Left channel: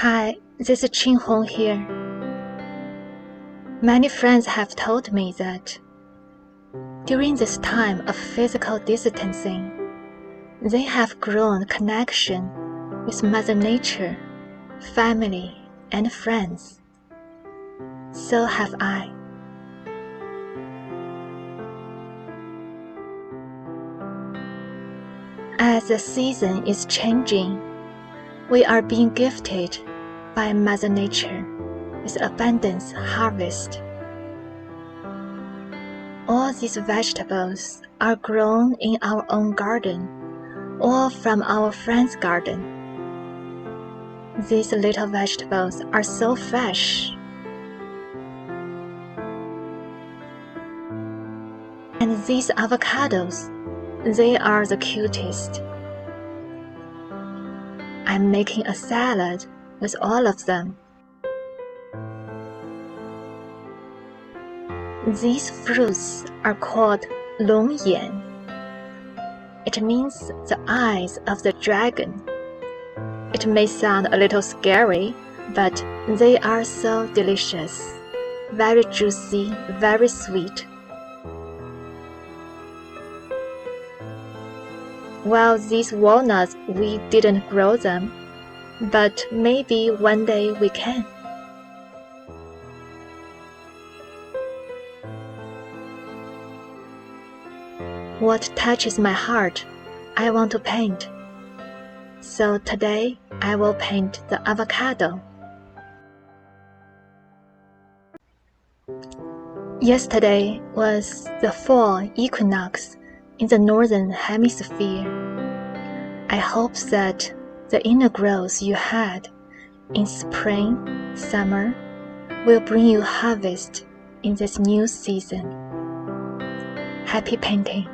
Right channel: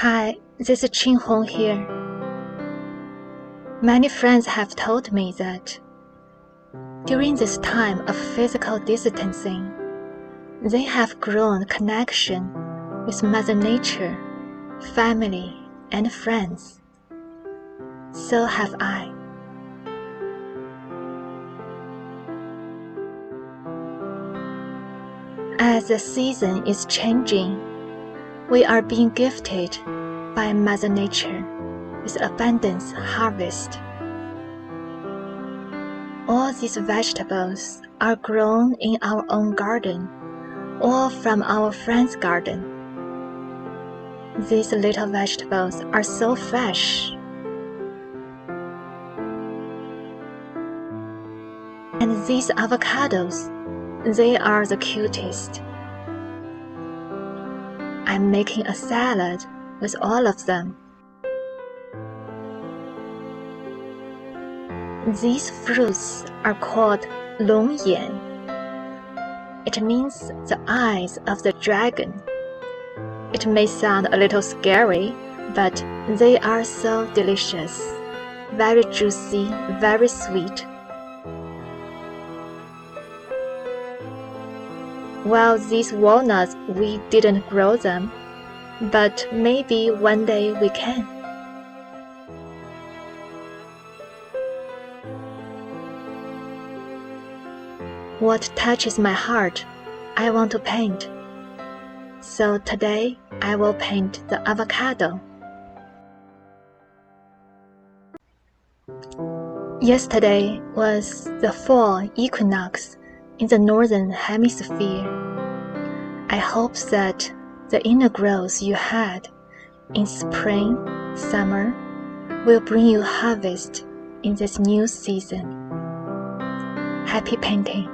Hi, this is Chin Hong here. Many friends have told me that during this time of physical distancing, they have grown connection with Mother Nature, family, and friends. So have I. As the season is changing, we are being gifted by Mother Nature with abundance harvest. All these vegetables are grown in our own garden or from our friend's garden. These little vegetables are so fresh. And these avocados, they are the cutest. I'm making a salad with all of them. These fruits are called longyan. It means the eyes of the dragon. It may sound a little scary, but they are so delicious, very juicy, very sweet. Well, these walnuts, we didn't grow them, but maybe one day we can. What touches my heart, I want to paint. So today, I will paint the avocado. Yesterday was the fall equinox in the Northern Hemisphere. I hope that the inner growth you had in spring, summer, will bring you harvest in this new season. Happy painting!